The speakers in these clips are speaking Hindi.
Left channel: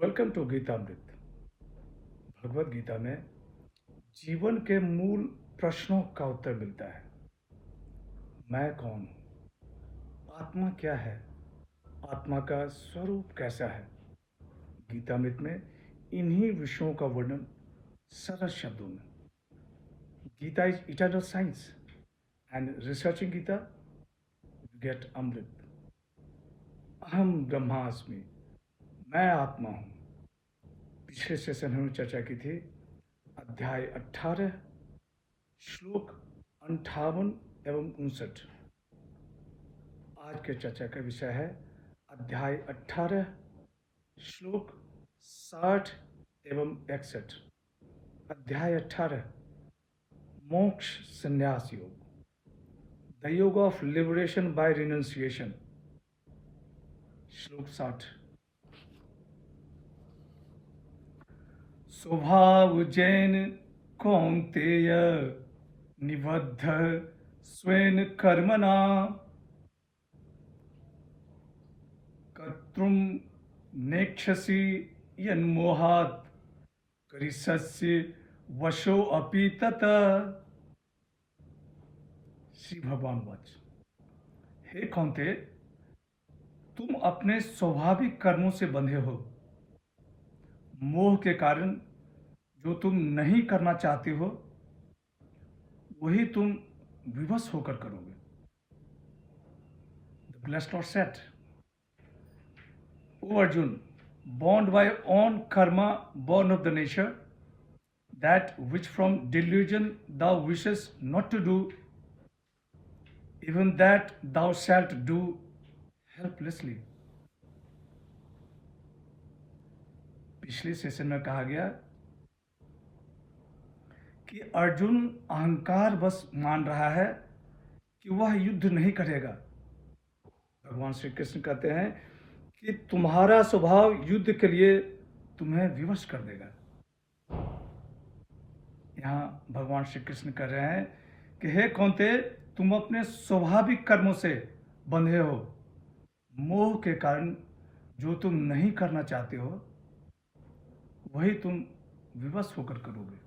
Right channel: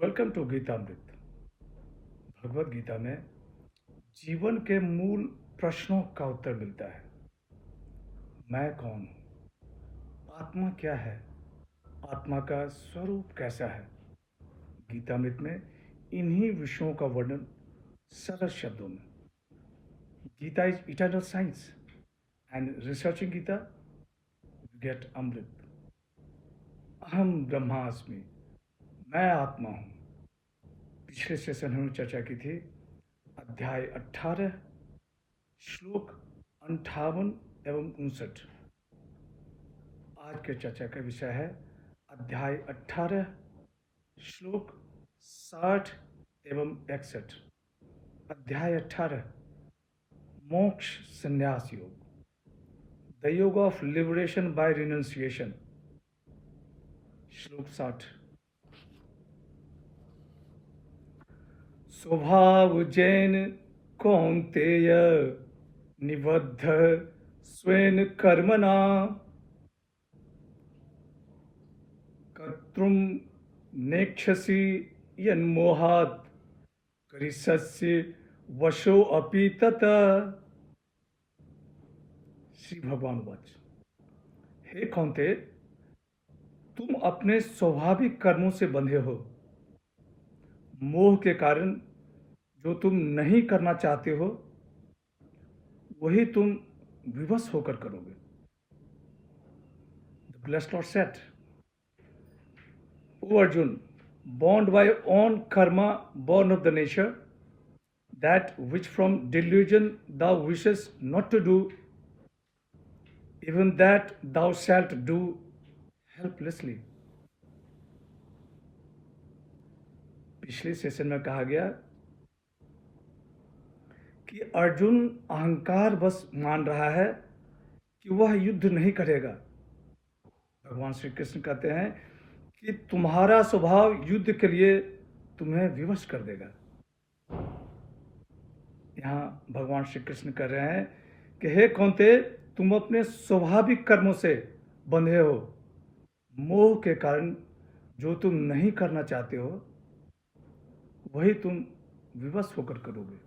Welcome to Geetamrit. भगवत गीता में जीवन के मूल प्रश्नों का उत्तर मिलता है। मैं कौन हूँ? आत्मा क्या है? आत्मा का स्वरूप कैसा है? गीतामृत में इन्हीं विषयों का वर्णन सरल शब्दों में। Gita is eternal science and researching Gita get amrit. अहम ब्रह्मास्मि, मैं आत्मा हूँ। पिछले सेशन हमने चर्चा की थी अध्याय 18 श्लोक 58 एवं 59। आज के चर्चा का विषय है अध्याय 18 श्लोक 60 एवं 61। अध्याय 18 मोक्ष संन्यास योग, द योग ऑफ लिबरेशन बाय रिनंसिएशन। श्लोक 60। स्वभाव जैन कौन्तेय निबद्ध स्वेन कर्मणा कर्तुं नेक्षसि यन्मोहात् करिष्यसि वशो अपि तत्। श्री भगवान वाच, हे कौन्तेय, तुम अपने स्वाभाविक कर्मों से बंधे हो। मोह के कारण जो तुम नहीं करना चाहते हो वही तुम विवश होकर करोगे। The blessed Lord said, O Arjun, bound by own karma, born of the nature, that which from delusion thou wishest not to do, even that thou shalt do helplessly. पिछले सेशन में कहा गया कि अर्जुन अहंकार बस मान रहा है कि वह युद्ध नहीं करेगा। भगवान श्री कृष्ण कहते हैं कि तुम्हारा स्वभाव युद्ध के लिए तुम्हें विवश कर देगा। यहाँ भगवान श्री कृष्ण कह रहे हैं कि हे कौन्तेय, तुम अपने स्वाभाविक कर्मों से बंधे हो। मोह के कारण जो तुम नहीं करना चाहते हो वही तुम विवश होकर करोगे।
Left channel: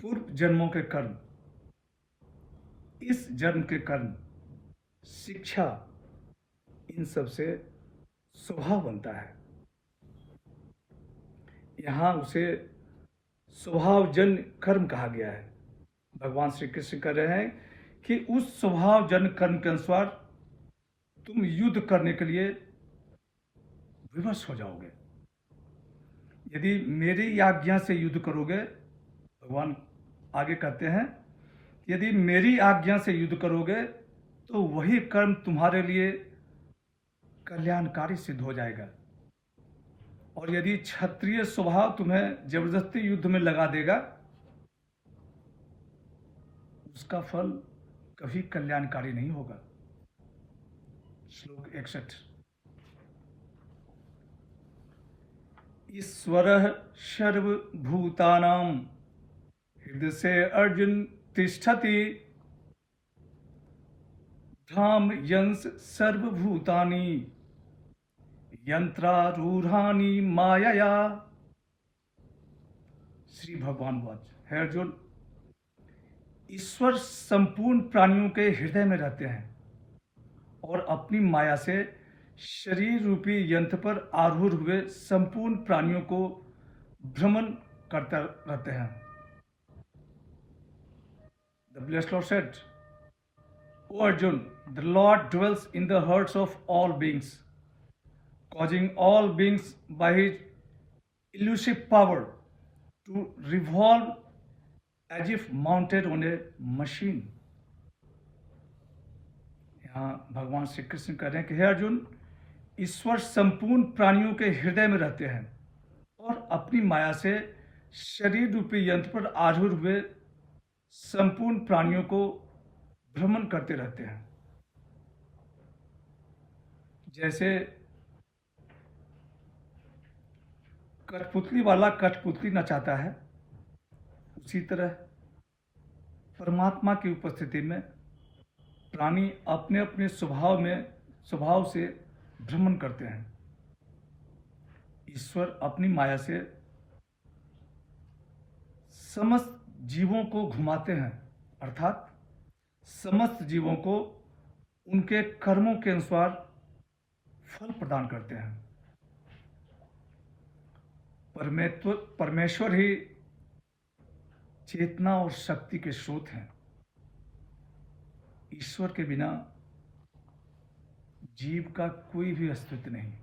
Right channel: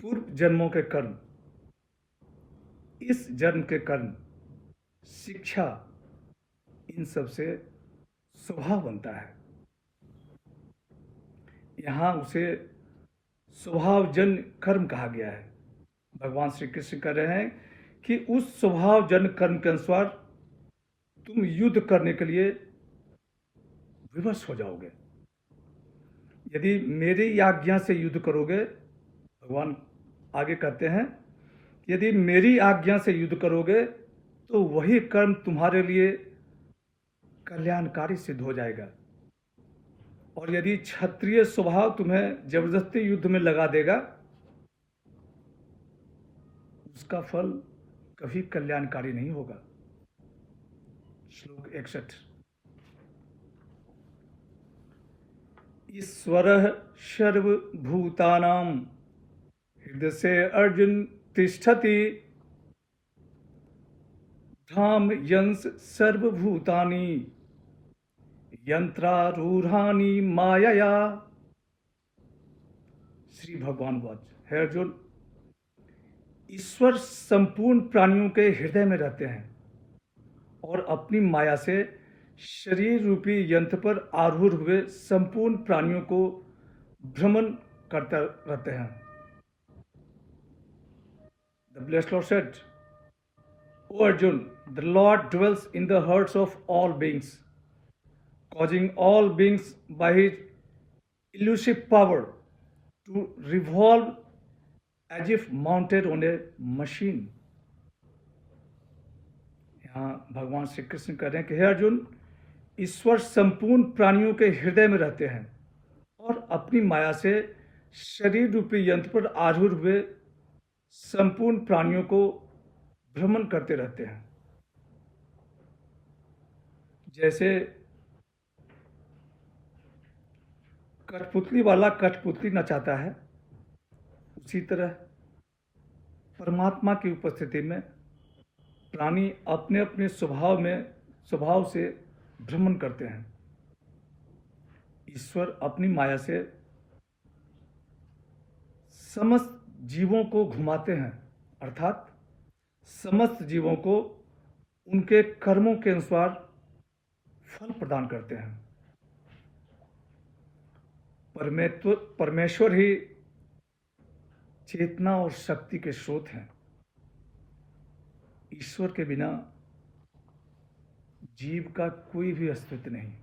पूर्व जन्मों के कर्म, इस जन्म के कर्म, शिक्षा, इन सब से स्वभाव बनता है। यहाँ उसे स्वभावजन्य कर्म कहा गया है। भगवान श्री कृष्ण कह रहे हैं कि उस स्वभावजन्य कर्म के अनुसार तुम युद्ध करने के लिए विवश हो जाओगे। यदि मेरी आज्ञा से युद्ध करोगे, भगवान आगे कहते हैं, यदि मेरी आज्ञा से युद्ध करोगे तो वही कर्म तुम्हारे लिए कल्याणकारी सिद्ध हो जाएगा। और यदि क्षत्रिय स्वभाव तुम्हें जबरदस्ती युद्ध में लगा देगा, उसका फल कभी कल्याणकारी नहीं होगा। श्लोक 61। ईश्वरः सर्वभूतानां हृदय से अर्जुन तिष्ठति, धाम यंस सर्वभूतानि यंत्रारूढ़ानि मायया। श्री भगवान वाच, हे अर्जुन, ईश्वर संपूर्ण प्राणियों के हृदय में रहते हैं और अपनी माया से शरीर रूपी यंत्र पर आरूढ़ हुए संपूर्ण प्राणियों को भ्रमण करते रहते हैं। The blessed Lord said, O Arjun, the Lord dwells in the hearts of all beings, causing all beings by his elusive power to revolve as if mounted on a machine. यहाँ भगवान श्री कृष्ण कह रहे हैं कि हे अर्जुन, ईश्वर संपूर्ण प्राणियों के हृदय में रहते हैं और अपनी माया से शरीर रूपी यंत्र पर आरूढ़ हुए संपूर्ण प्राणियों को भ्रमण करते रहते हैं। जैसे कठपुतली वाला कठपुतली नचाता है, उसी तरह परमात्मा की उपस्थिति में प्राणी अपने अपने स्वभाव से भ्रमण करते हैं। ईश्वर अपनी माया से समस्त जीवों को घुमाते हैं, अर्थात समस्त जीवों को उनके कर्मों के अनुसार फल प्रदान करते हैं। परमेश्वर ही चेतना और शक्ति के स्रोत हैं। ईश्वर के बिना जीव का कोई भी अस्तित्व नहीं।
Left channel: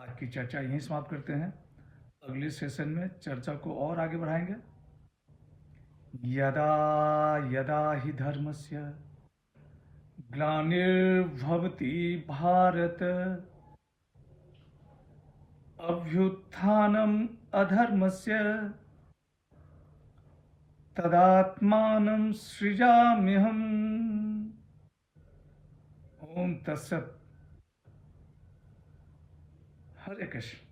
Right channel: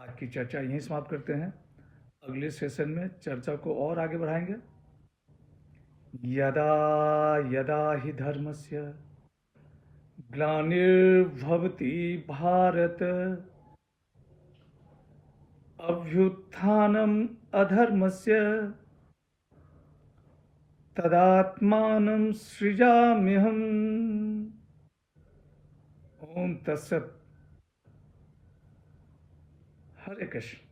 आज की चर्चा यहीं समाप्त करते हैं। अगले सेशन में चर्चा को और आगे बढ़ाएंगे। यदा यदा हि धर्मस्य ग्लानिर्भवति भारत अभ्युत्थानम् अधर्मस्य तदात्मानं सृजाम्यहम्। ओम तत्सत। हरे कृष्ण।